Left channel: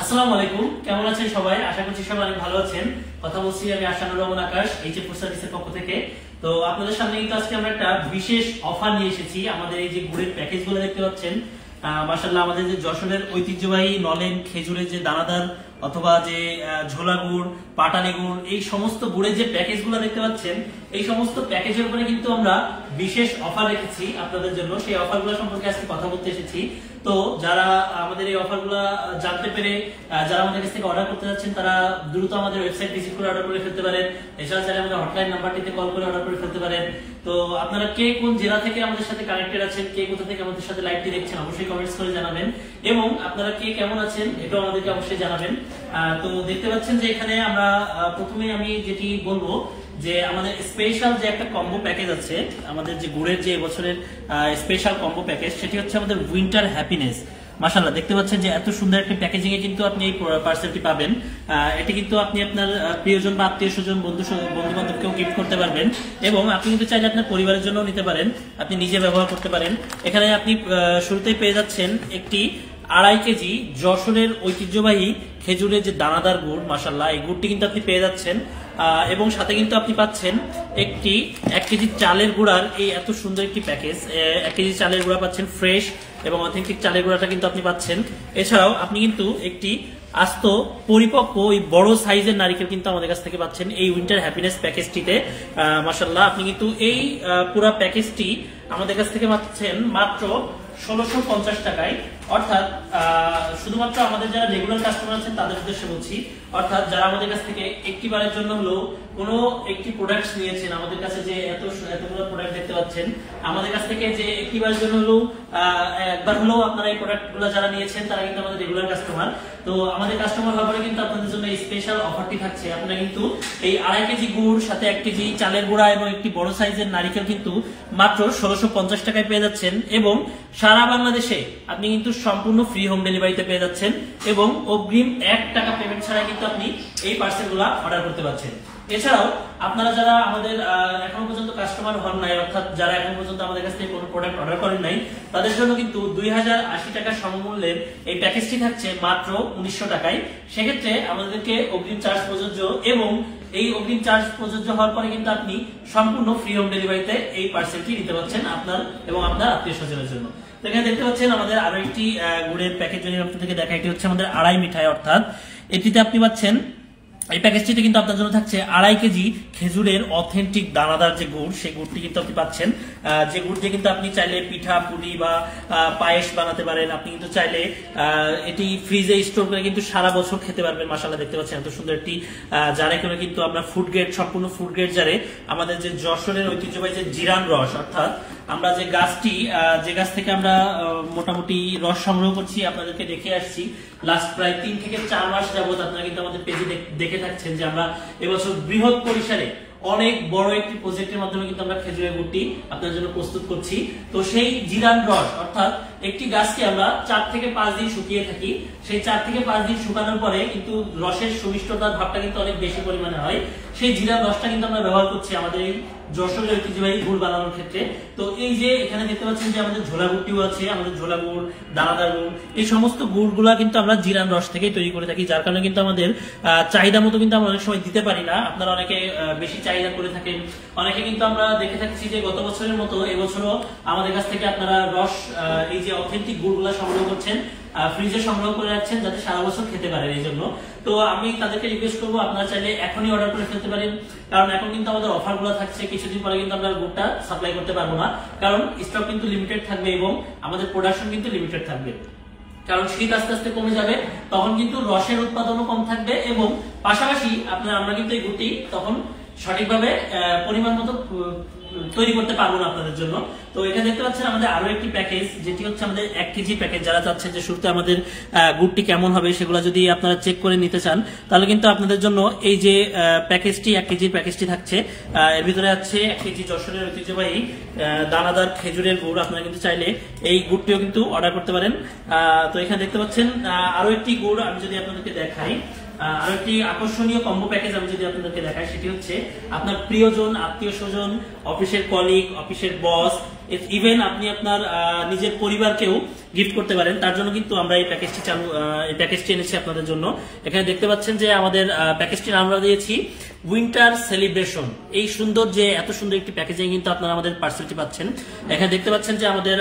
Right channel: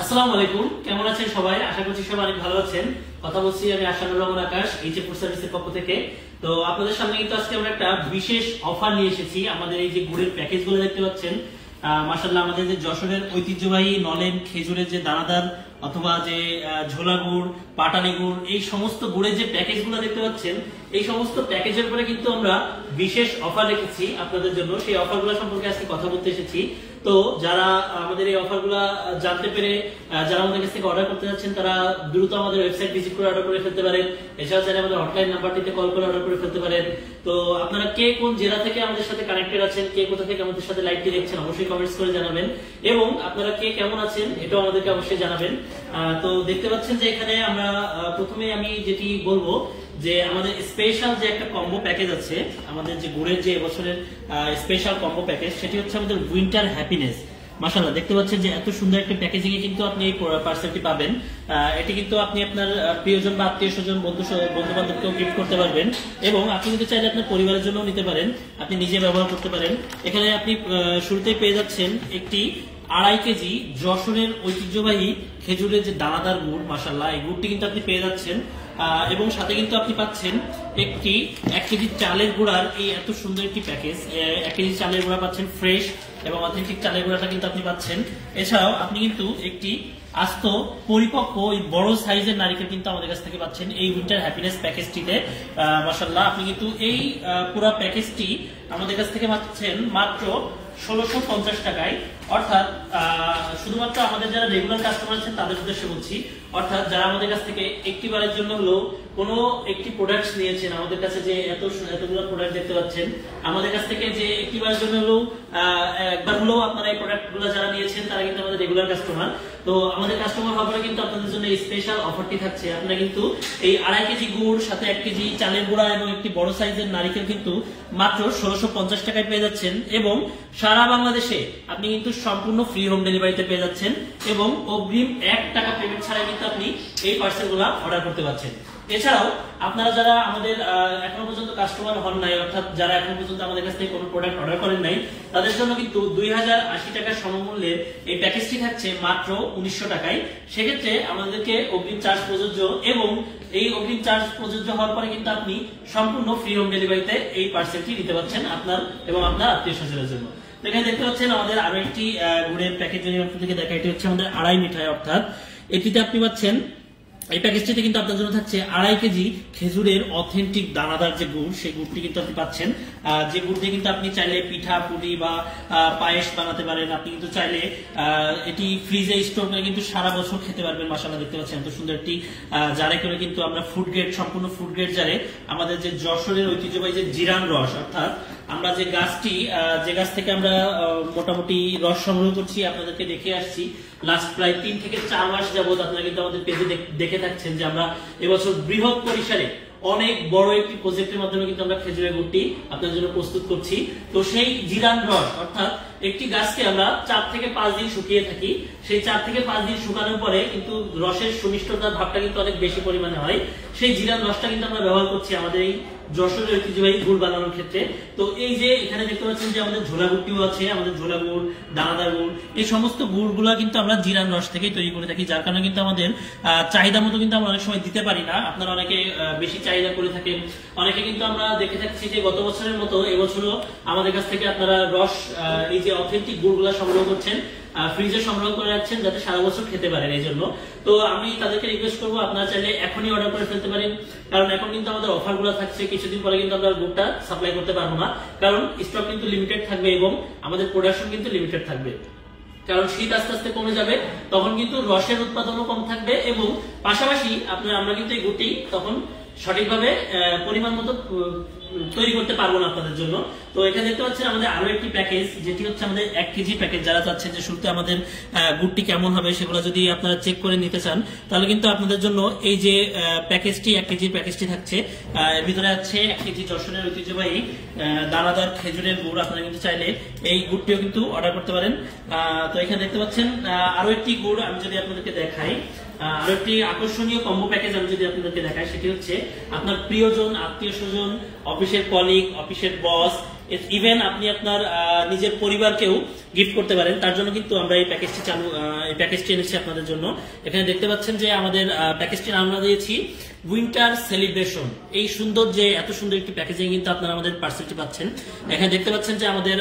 আসসালামু আলাইকুম, কেমন আছেন সবাই? আশা করছি সবাই অনেক ভালো আছেন। কথা বলছি আমি আশানুর রহমান আকাশ, এইচ ফুড সার্ভিসের পক্ষ থেকে। তো আপনাদের সামনে কিন্তু আজকে আমরা একটা বিশেষ অফার নিয়ে এসেছি। আমাদের এই যে গুড়ের প্যাকেজ গুলো দেখতে পাচ্ছেন, মাশাআল্লাহ আমাদের যে যশোরের ঐতিহ্যবাহী নলেন খেজুরের যে দানাদার অথবা যে ঝোলা গুড়, পাটালি গুড়, এই সমস্ত গুড়ের যে প্যাকেজ গুলো দেখতে পাচ্ছেন, এই সমস্ত প্যাকেজের উপরে কিন্তু আমরা বিশেষ অফার রেখেছি আপনাদের জন্য। সেই অফার গুলো সম্পর্কে আজকে কথা বলতে এসেছি। তো যারা আমাদের এই অফার গুলা জানতে পেরে যারা আমাদের কাছ থেকে অর্ডার করতে যাচ্ছেন, তারা দ্রুত আমাদের ওয়েবসাইট ভিজিট করে অর্ডার করে ফেলতে পারেন। এছাড়া চাইলে আমাদের হটলাইন নাম্বারটিতে কল করে অর্ডার করে ফেলতে পারেন। তো আপনারা কে কোন জেলা থেকে আমাদের সাথে কানেক্টেড আছেন, কে কোথা থেকে আমাদের সাথে লাইভটি দেখছেন, অবশ্যই কমেন্টস করে জানাবেন। এবং আপনারা কে কেমন আছেন এটাও আমাদেরকে অবশ্যই জানাবেন। তো দেখতে পাচ্ছেন যে এখানে আমরা প্রথমে আমি যেটি বলবো যে আমাদের স্পেশাল যে একটা কম্বো প্যাকেজ আছে, আমাদের যে গুড়ের যে বছরের স্পেশাল কম্বো প্যাকেজ, সেটি হচ্ছে আমাদের উইন্টার হ্যাপিনেস। মাশাআল্লাহ দেখতে পাচ্ছেন যে এত সুন্দর একটা প্যাকেজিং এ কিন্তু আপনি এই পার্সেলটি পাবেন। এটি কিন্তু আপনি আপনার প্রিয়জন বা আত্মীয় স্বজন বন্ধু বান্ধবকেও গিফট করতে পারবেন, এবং আপনি কিন্তু চাইলে আপনার পরিবারের জন্য নিতে পারেন, আপনি নিজে ব্যবহার করতে পারেন। এখানে আপনি শুরুতেই পেয়ে যাচ্ছেন একটি 2.5 কেজি যশোরের ঐতিহ্যবাহী খেজুরের যে দানাদার গুড়, মাশাআল্লাহ এই গুড়টি কিন্তু আপনি পেয়ে যাচ্ছেন। এবং সাথে কিন্তু আপনি পাচ্ছেন একটি 1 কেজি চালের গুঁড়ার এই এত সুন্দর একটি প্যাকেজ। 1 কেজি চালের গুঁড়া পাচ্ছেন ফ্রেশ এবং অথেন্টিক চালের গুঁড়াটা কিন্তু আপনি পাচ্ছেন। এছাড়াও আপনি কিন্তু একটি আস্ত পরিপক্ক এই বড় সাইজের নারিকেল কিন্তু আমাদের কাছ থেকে পাচ্ছেন এই উইন্টার হ্যাপিনেস প্যাকেজটিতে। মাশাআল্লাহ আপনি কিন্তু এই পুরো প্যাকেজটি আমাদের কাছ থেকে পাচ্ছেন মাত্র 1650 টাকায়। অর্থাৎ শুধুমাত্র আমাদের যারা রেগুলার কাস্টমার আছেন তাদের উদ্দেশ্যে বলছি, অর্থাৎ যারা আমাদের কাছ থেকে একটিবারের জন্য হলেও কোনো একটি প্রোডাক্ট নিয়েছেন, আমাদের কাছে যে এতগুলো প্রোডাক্ট দেখতে পাচ্ছেন, আমাদের কাছ থেকে যে একটিবারের জন্য হলেও একবার হলেও আপনারা এই প্রোডাক্ট গুলো যারা নিয়েছেন তারা কিন্তু আমাদের রেগুলার কাস্টমার। তো আমাদের কাস্টমার হওয়ার পরে কিন্তু আপনাদের জন্য এই স্পেশাল অফারটি থাকছে। আপনারা কিন্তু এই 2.5 কেজি গুড়, সাথে 1 কেজি চালের গুঁড়া এবং একটি বড় সাইজের নারিকেল কিন্তু মাত্র 1650 টাকায় পেয়ে যাচ্ছেন, এবং সারা বাংলাদেশে আপনি কিন্তু সম্পূর্ণ ফ্রি হোম ডেলিভারিতে পেয়ে যাচ্ছেন, এবং অগ্রিম 1 টাকা পেমেন্ট ছাড়া কিন্তু আপনি এই পার্সেলগুলো অর্ডার করতে পারছেন। এছাড়াও আপনারা যারা আমাদের এখন পর্যন্ত কাস্টমার হন নাই, অর্থাৎ যারা এখন পর্যন্ত আমাদের কাছ থেকে কোনো প্রোডাক্ট অর্ডার করেন নাই, তাদের জন্য কিন্তু 2080 টাকা সমমূল্যের এই প্যাকেজটি থাকছে মাত্র 1900 টাকায়। সেক্ষেত্রে আমাদেরকে অগ্রিম চার্জ প্রযোজ্য, এবং এই অগ্রিম চার্জ প্রযোজ্য হওয়ার পরে কিন্তু আপনি সম্পূর্ণ ফ্রি হোম ডেলিভারিতে এই পার্সেলটি নিতে পারছেন আপনার এবং আপনার আত্মীয় স্বজনের জন্য। এখানে দেখতে পাচ্ছেন আমাদের আরো একটি গুড়ের প্যাকেজ যদি আপনাদেরকে দেখা, এটি হচ্ছে আমাদের 2.5 মিঠাই। অর্থাৎ এটিতে আপনি পাচ্ছেন, এই প্যাকেজটিতে কিন্তু আপনার জন্য থাকছে 2.5 কেজি খেজুরের অথেন্টিক দানাদার যে গুড়, সেই গুড়টি কিন্তু আপনি পাচ্ছেন। যে গুড় দিয়ে কিন্তু আপনি চাইলে পিঠা পুলি বা পায়েস বানাতে পারেন। আপনি কিন্তু চাইলে এটি ফ্রিজে স্টোর করে কিন্তু সারা বছর খেতে পারবেন। মাশাআল্লাহ দেখতে পাচ্ছেন এত সুন্দর একটি জারে করে কিন্তু আমরা ফুড গ্রেড, সম্পূর্ণ ফুড গ্রেড জারে আমাদের যে যশোরের ঐতিহ্যবাহী যে জিরান রস, অর্থাৎ আমরা যে গাছটি, যে গাছ থেকে আমরা মোটামুটি রস সংগ্রহ করছি, আপনাদেরকে দেখে আসছি লাস্ট প্রায় 3 থেকে 4 মাস যাবত। আপনারা কিন্তু আমাদের পেজে দেখে থাকছেন যে আমরা এবছর বৃহৎ পরিসরে অনেক বড় একটি প্রজেক্টের মাধ্যমে কিন্তু আমরা খেজুরের গুড়টি আপনার জন্য প্রস্তুত করছি। তো সেই জিরান রস, অর্থাৎ একটি গাছকে আমরা 4 থেকে 5 দিন শুকিয়ে থাকি, সেই 4 থেকে 5 দিন শুকানোর পরে কিন্তু রসের সুমিষ্টতার ভাবটা কিন্তু অনেক বেশি পরিমাণে হয়। সেই জিরান রসটা কিন্তু আমরা ব্যবহার করছি আমাদের এই যশোরের ঐতিহ্যবাহী গুড় বানানোর ক্ষেত্রে। তো এই যে এখানে দেখতে পাচ্ছেন যে আমাদের ঝোলা গুড়টিও আছে, আমাদের ঝোলা গুড়, দানাদার গুড়, এই সমস্ত গুড়গুলা কিন্তু আমরা জিরান রস থেকে তৈরি করে থাকি, যার কারণে কিন্তু আমাদের চাহিদা মতো কিন্তু আমরা অনেক সময় দিতে পারি না। আপনারা অনেকে বেশি চাহিদা করে থাকেন, অনেকে কিন্তু আমরা দেখে থাকছি যে গত বছরের মতো এবছরও আমাদের কাছ থেকে আপনারা রস, এই যে অথেন্টিক গুড়গুলা সংগ্রহ করছেন, ফ্রিজে সংগ্রহ করে রাখছেন যাতে সারা বছর খেতে পারেন। এই জন্য তো আমি তাদেরকে রিকোয়েস্ট করবো, আপনারা চাইলে এখনই অর্ডার করে ফেলতে পারেন, কারণ এখন কিন্তু আমাদের অফার গুলো থাকছে। কিছুদিন পরে কিন্তু আমরা গুড়টা সাপ্লাই করতে পারবো না, কারণ স্টক কিন্তু লিমিটেড থাকবে এবং আমাদের প্রোডাকশন কিন্তু লিমিটেড থাকবে। কারণ শীত আস্তে আস্তে কমে যাবে, তখন কিন্তু রসের উৎপাদনও কম থাকবে, এবং পাশাপাশি আমরা কিন্তু এই গুড়টি তখন সঠিকভাবে পরিমাণ মতো তৈরি করতে পারবো না আপনাদের জন্য। তো এখানে দেখতে পাচ্ছেন আমাদের আরো একটি প্যাকেজ, যেটি হচ্ছে আমাদের 1 কেজি প্যাকেজ। যারা চাচ্ছেন যে শুরুতে আমাদের গুড়টি কেমন হবে সেগুলো যদি আপনারা চেক করে নিতে চান, তাহলে কিন্তু আপনাদের জন্য এই যে প্যাকেজটি, 1 কেজির প্যাকেজটি থাকছে। এর ভিতরে আছে 1 কেজি যশোরের ঐতিহ্যবাহী দানাদার খেজুরের গুড়। আপনারা কিন্তু চাইলে এই গুড়টিও কিন্তু অর্ডার করতে পারেন। তো এখানে দেখতে পাচ্ছেন আরো একটি গুড় আমি যদি আপনাদেরকে দেখাই, আরো একটি আকর্ষণীয় কম্বো প্যাকেজ আমি যদি আপনাদেরকে দেখাই, সেটি হচ্ছে আপনার প্রিয়জন, আত্মীয় স্বজন, অফিসের কলিগ, অফিসের বস, ইভেন আপনি আপনার নিজের পরিবারকেও গিফট করতে পারেন। তার জন্য কিন্তু আমরা এই প্যাকেজটি এনেছি আপনাদের জন্য। এখানে দেখতে পাচ্ছেন যে আমাদের প্যাকেজটির আমরা দিয়েছি উইন্টার সেলিব্রেশন। এই সুন্দর যে এত সুন্দর একটি প্যাকেজিং কিন্তু আপনারা আমাদের পার্সেলটি পাচ্ছেন। এখানে দেখতে পাচ্ছেন যে আমাদের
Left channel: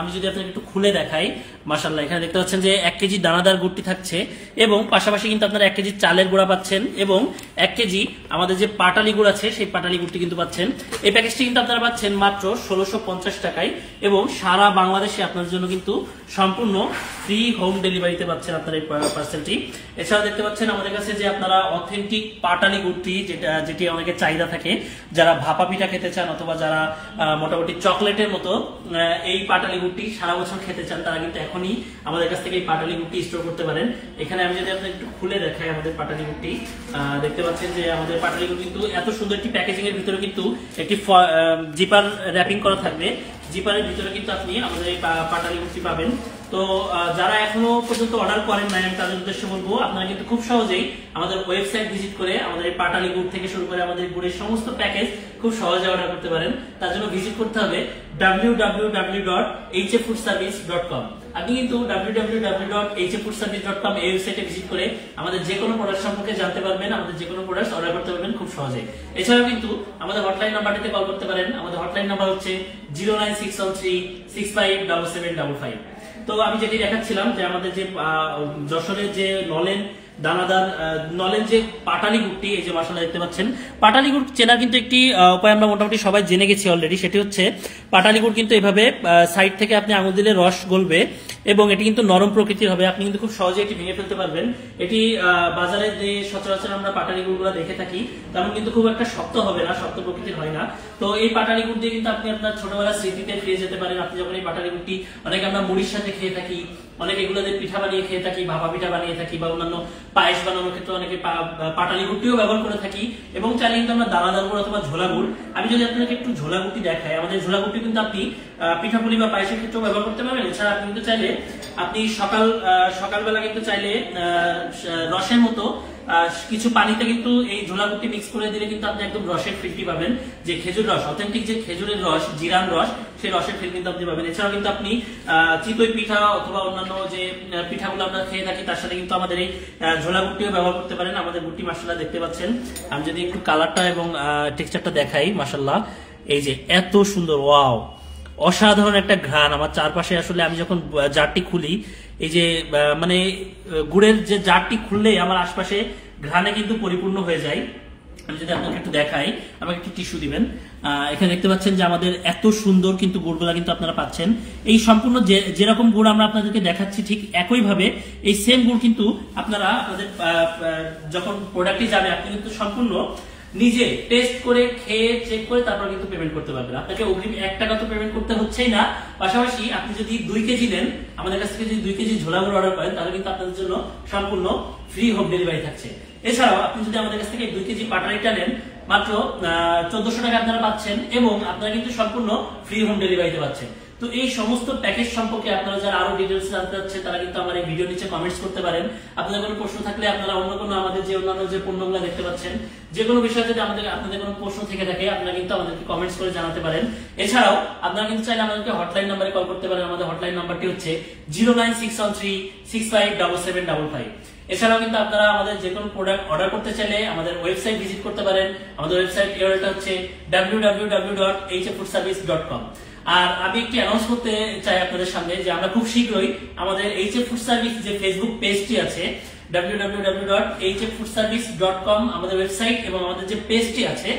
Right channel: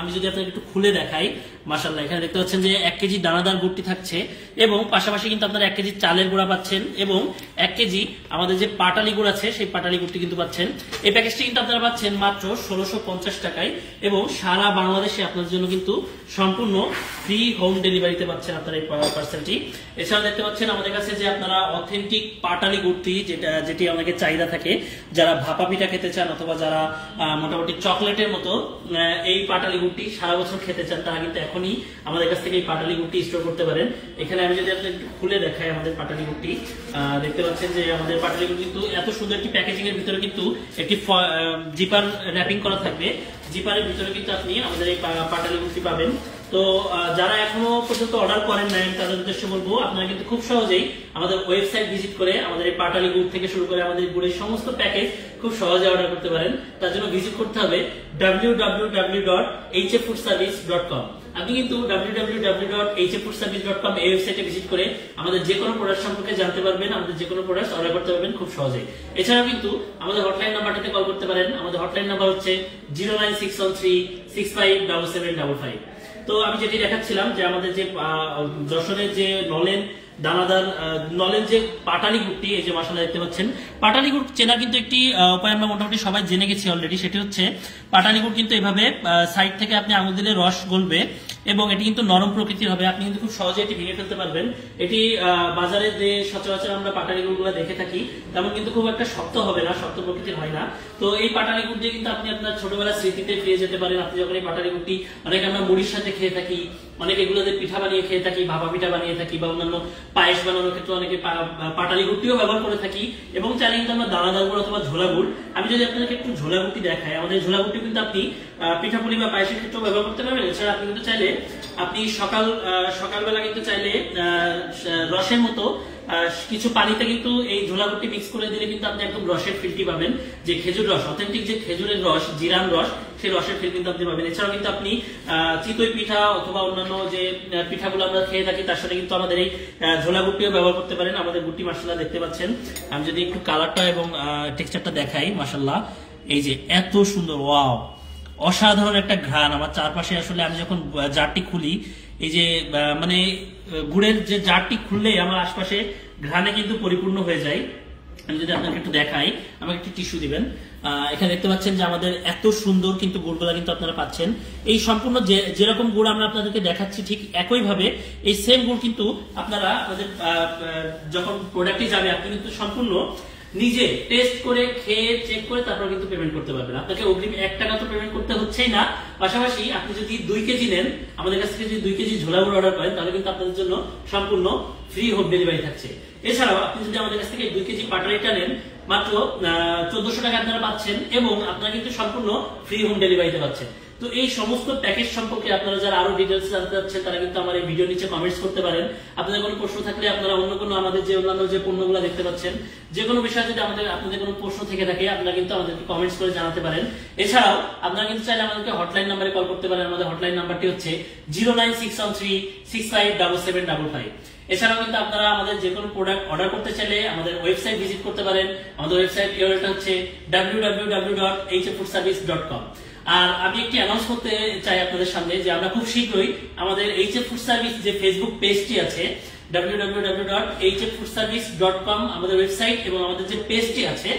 আমি যদি আপনাকে একটু খুলে দেখাই, মাশাআল্লাহ এখানে দেখতে পাচ্ছেন যে 1 কেজি দানাদার গুড়টি থাকছে এবং পাশাপাশি কিন্তু আপনারা 1 কেজি চালের গুঁড়া পাচ্ছেন এবং 1 কেজি আমাদের যে পাটালি গুড় আছে সেই পাটালি গুড়টি কিন্তু পাচ্ছেন। এই প্যাকেজটি কিন্তু আপনারা পাচ্ছেন মাত্র 1650 টাকায় এবং সারা বাংলাদেশে আপনাদের জন্য কিন্তু সম্পূর্ণ ফ্রি হোম ডেলিভারিতে পাচ্ছেন আপনার এই পার্সেলটি। এছাড়া দেখতে পাচ্ছেন আমাদের কাছে যে আপনারা অথেন্টিক পাটালি গুড়টি যেটি অনেকের চাহিদা থাকে, যারা ভাপা পিঠা খেতে চান অথবা যারা মোটামুটি চকলেটের মতো এই পাটালি গুড়টি সারা বছর খেতে চান, তারা কিন্তু এখনই আমাদের কাছ থেকে এই পাটালি গুড়টি স্টোর করতে পারেন। এখানে আমি যদি আপনাদের একটু খুলে দেখাই আমাদের পাটালি গুড়টি, দেখতে পাচ্ছেন যে আমাদের পাটালি গুড় কিন্তু এত সুন্দর একটি প্যাকেজিং এর ভিতরে কিন্তু একটি জিপার র্যাপিং করা থাকবে। জিপারের ভিতরে কিন্তু আপনি আমাদের এই পাটালি গুড়টি পাবেন। তো যারা এখনো পর্যন্ত অর্ডার করেন নাই, আমি তাদের উদ্দেশ্যে বলবো আপনারা কিন্তু খুব সহজেই আমাদের ওয়েবসাইট ভিজিট করে আমাদের এই পাটালি গুড় থেকে শুরু করে আমাদের গুড়ের সমস্ত প্যাকেজ খুব সহজে অর্ডার করতে পারেন। তার জন্য ভিজিট করতে হবে www.hffoodservice.com। আপনি কিন্তু www.hffoodservice.com এই ওয়েবসাইটে ভিজিট করে আমাদের যে কোনো প্রোডাক্ট সম্পর্কে জানতে পারবেন, আমাদের যে কোনো প্রোডাক্ট অর্ডার করতে পারবেন খুব সহজে। এছাড়াও কিন্তু আমাদের হটলাইন নাম্বারটিতে কল করতে পারেন। আমাদের হটলাইন নাম্বার হচ্ছে 09613657755। তো আমি যেটি দেখাচ্ছিলাম যে আমাদের যে যশোরের যে নলেন যে পাটালি গুড়টি, এই যে মাশাআল্লাহ দেখতে পাচ্ছেন, পাটালি গুড় চেনার কিন্তু একটি উপায় আমরা মোটামুটি সবাই জেনে গেছি অলরেডি। সেটি হচ্ছে পাটালি গুড় কিন্তু এইভাবে সাইড থেকে আপনি আঙুল দিলে রস গলবে এবং এটি কিন্তু নরম প্রকৃতির হবে। আপনি কিন্তু খুব সহজে এটি ভেঙে ফেলতে পারবেন। এটি বাজারে যে সচরাচর আমরা পাটালি গুড়গুলো দেখে থাকি তেমন কিন্তু খুব একটা শক্ত হবে না, শক্ত প্রকৃতির হয় না। তো এই পাটালি গুড় দিয়ে কিন্তু আপনি আপনার ছোটবেলার স্মৃতিতে ফিরে যেতে পারেন। আপনি যখন এই পাটালি গুড়টি অনেকে আমরা মুড়ির সাথে খেয়ে থাকি, অনেকে এগুলোতে পিঠা বানিয়ে খেয়ে থাকি, ভাপা পিঠা বানিয়ে থাকি বা অন্যান্য পায়েস বানানোর ক্ষেত্রে অনেকে পাটালি গুড়টিও ব্যবহার করে থাকি এবং চাইলে কিন্তু আমরা দানাদার গুড় অথবা ঝোলা গুড়। আমি যদি আপনাকে একটু ঝোলা গুড়টি দেখাই, আমাদের ঝোলা গুড়টি কিন্তু আপনি পিঠাপুলি বা পায়েসের ক্ষেত্রেও ব্যবহার করতে পারবেন। এছাড়া আপনি কিন্তু চাইলে আপনি সকালবেলা কিন্তু চাইলে রসের মতো কিছু পানিতে কিন্তু এই ঝোলা গুড়টি মিক্স করে দিলে কিন্তু আপনি একদম রসের ফিলটি পাবেন। যে খেজুর রস, অথেন্টিক যে খেজুরের রস, জিরান রস, সেই রসের ফিল কিন্তু আপনি পাবেন। এছাড়াও কিন্তু আপনি চিতই পিঠা অথবা অন্যান্য যে পিঠাগুলো আমরা খেয়ে থাকি তার সাথে কিন্তু আমাদের এই ঝোলা গুড়টিও ব্যবহার করতে পারেন। আমাদের গুড়টি মাশাআল্লাহ দেখতে পাচ্ছেন। আমি যদি একটু কালারটা এবং টেক্সচারটা দেখাই, মাশাআল্লাহ এই যে এত সুন্দর, ওয়াও, অসাধারণ একটা ঘ্রাণ আমার চারপাশে। আসলে আমি যখন জারটি খুলি, এই যে মানে গুড়ের যে জারটি খুললেই আমার আশপাশে ঘ্রাণে কিন্তু পরিপূর্ণ হয়ে যায়। আমি যদি আপনাকে একটু দেখাই, আমাকে একটু টিস্যু দিবেন। এখানে দেখতে পাচ্ছেন যে আমাদের এত সুন্দর কিন্তু গুড়গুলা কিন্তু আপনারা পাচ্ছেন। এই সম্পূর্ণ যেরকম গুড় আমরা আপনাদেরকে দেখাচ্ছি ঠিক একইভাবে এই সেম গুড় কিন্তু আপনারা আপনাদের যখন প্রোডাক্টটি যাবে আপনি কিন্তু সম্পূর্ণ নিজে টেস্ট করে খেয়ে চেক করে তারপর কিন্তু পেমেন্ট করতে পারবেন। আপনাকে অগ্রিম 1 টাকা তো পেমেন্ট করতে হচ্ছেই না, পাশাপাশি আপনি যদি 2 কেজি নেন, আমাদের কাছ থেকে যদি 2 কেজি ঝোলা গুড় অর্ডার করেন তাহলে কিন্তু আপনাদের জন্য সম্পূর্ণ ফ্রি হোম ডেলিভারি থাকছে। এছাড়াও আপনি যদি আমাদের কাছ থেকে 2 কেজি পাটালিটা নেন, মাত্র 1400 টাকা আপনারা পাচ্ছেন এবং আপনারা কিন্তু সম্পূর্ণ ফ্রি হোম ডেলিভারিতে পাচ্ছেন। তো এই সমস্ত প্যাকেজ সম্পর্কে আপনারা যারা আরো ডিটেইলস জানতে চাচ্ছেন তারা কিন্তু আমার এই ভিডিও নিচে কমেন্টস করতে পারেন। আপনাদের কোনো প্রশ্ন থাকলে আপনারা অন্য কোনো আমাদের যে অন্যান্য যে পণ্যগুলো দেখতে পাচ্ছেন, যে কোনো বিষয়ে যদি আপনাদের কোনো প্রশ্ন থেকে থাকে আপনারা কিন্তু আমাদেরকে কমেন্টস করে জানাতে পারেন। এছাড়াও আপনারা কিন্তু চাইলে আমাদেরকে হটলাইন নাম্বারে কল করতে পারেন। আমাদের হটলাইন নাম্বারটি হচ্ছে 09613657755। এছাড়াও কিন্তু আপনারা আমাদের যে কোনো প্রোডাক্ট অর্ডার করতে চাইলে আমাদের ওয়েবসাইট ভিজিট করতে পারেন। আমাদের ওয়েবসাইট ইউআরএলটা হচ্ছে www.hffoodservice.com। আর আমি একটি অ্যানাউন্স করতে চাই আপনাদের সামনে যে আমরা খুব শীঘ্রই আমাদের HF ফুড সার্ভিস যে ফেসবুক পেজটি আছে, www.hffoodservice.com আমাদের ওয়েবসাইট এবং আমাদের যে পেজটি আছে,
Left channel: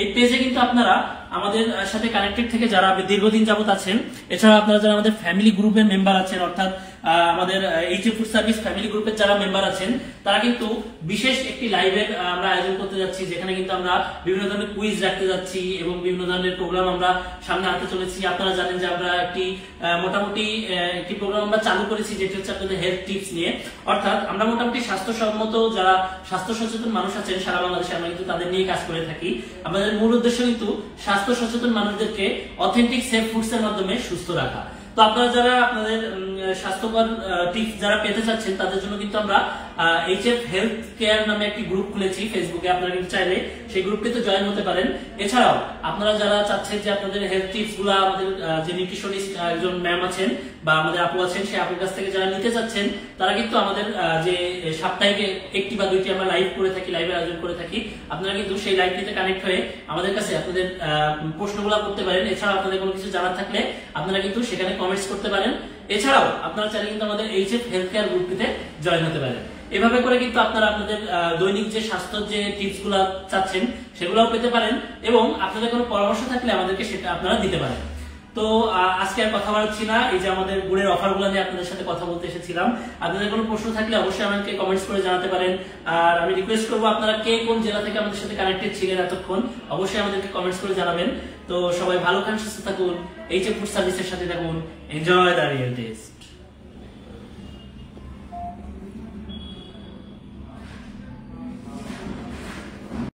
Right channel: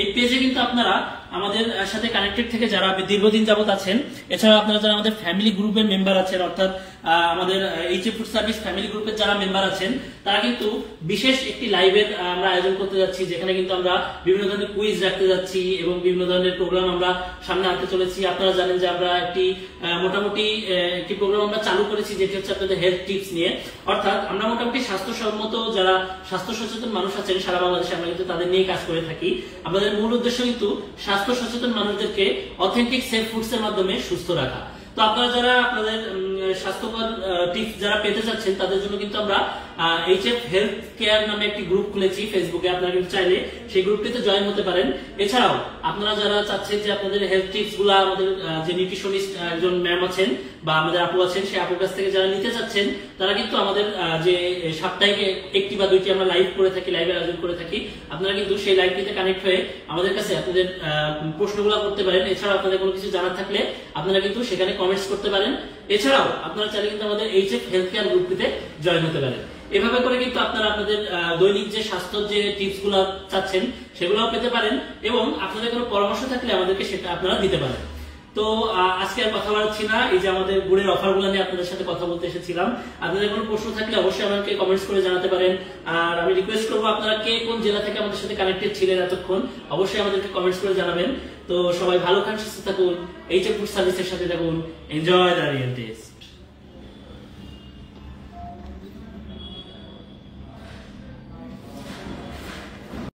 এই পেজে কিন্তু আপনারা আমাদের সাথে কানেক্টেড থেকে যারা দীর্ঘদিন যাবত আছেন, এছাড়া আপনারা যারা আমাদের ফ্যামিলি গ্রুপের মেম্বার আছেন, অর্থাৎ আমাদের HF ফুড সার্ভিস ফ্যামিলি গ্রুপের যারা মেম্বার আছেন, তারা কিন্তু বিশেষ একটি লাইভের আমরা আয়োজন করতে যাচ্ছি, যেখানে কিন্তু আমরা বিভিন্ন ধরনের কুইজ রাখতে যাচ্ছি এবং বিভিন্ন ধরনের প্রোগ্রাম আমরা সামনে আনতে চলেছি। আপনারা জানেন যে আমরা একটি মোটামুটি একটি প্রোগ্রাম আমরা চালু করেছি, যেটি হচ্ছে আপনাদের হেলথ টিপস নিয়ে। অর্থাৎ আমরা মোটামুটি স্বাস্থ্যসম্মত যারা স্বাস্থ্য সচেতন মানুষ আছেন সারা বাংলাদেশে, আমরা কিন্তু তাদের নিয়ে কাজ করে থাকি। আমাদের মূল উদ্দেশ্য কিন্তু স্বাস্থ্য সচেতন মানুষদেরকে অথেন্টিক সেফ ফুডস এর মাধ্যমে সুস্থ রাখা। তো আপনারা যারা আপনাদের স্বাস্থ্যকর টিপস যারা পেতে চাচ্ছেন তাদের জন্য কিন্তু আমরা এইচএফ হেলথ কেয়ার নামে একটি গ্রুপ খুলেছি ফেসবুকে। আপনারা কিন্তু চাইলে সেই গ্রুপটিতে জয়েন হতে পারেন। এছাড়াও আপনারা যারা চাচ্ছেন যে আপনাদের হেলথ টিপস গুলো আমাদের যে নিউট্রিশনিস্ট একজন ম্যাম আছেন বা আমাদের আপু আছেন, সেই আপুর কাছ থেকে যারা নিতে চাচ্ছেন তারা কিন্তু আমাদের যে সাপ্তাহিক একটি বা দুইটি আমরা লাইভ করে থাকি, লাইভের আয়োজন করে থাকি, আপনারা কিন্তু সেই লাইভটিতে কানেক্ট হয়ে আমাদের কাছে আপনাদের প্রশ্নগুলো করতে পারেন। এছাড়াও আপনাদের কোনো কিছু জানার থাকলে আপনারা কিন্তু সেখানে কমেন্টস করতে পারেন। এছাড়াও আপনারা চাইলে কিন্তু আমাদের এইচএফ হেলথ কেয়ার গ্রুপটিতে জয়েন হতে পারেন। এভাবে করে কিন্তু আপনারা আপনাদের দৈনিক যে স্বাস্থ্য যে টিপস গুলো চাচ্ছেন সেগুলোও পেতে পারেন, এবং আপনাদের কোনো পরামর্শ থাকলে আমাদেরকে সেটা আপনারা দিতে পারেন। তো আজকে আর কথা বাড়াচ্ছি না, এই যে আমাদের গুড়ের অফারগুলো নিয়ে আপনাদের সাথে কথা বলতে এসেছিলাম। আপনাদের কোনো প্রশ্ন থাকলে অবশ্যই আমাকে কমেন্টস করে জানাতে পারেন। আর আমি রিকোয়েস্ট করবো আপনারা কে কোন জেলা থেকে আমাদের সাথে কানেক্টেড ছিলেন এতক্ষণ, অবশ্যই আমাদেরকে কমেন্টস করে জানাবেন। তো সবাই ভালো থাকুন, সুস্থ থাকুন, এইচএফ ফুড সার্ভিসের সাথে থাকুন। Enjoy the real test.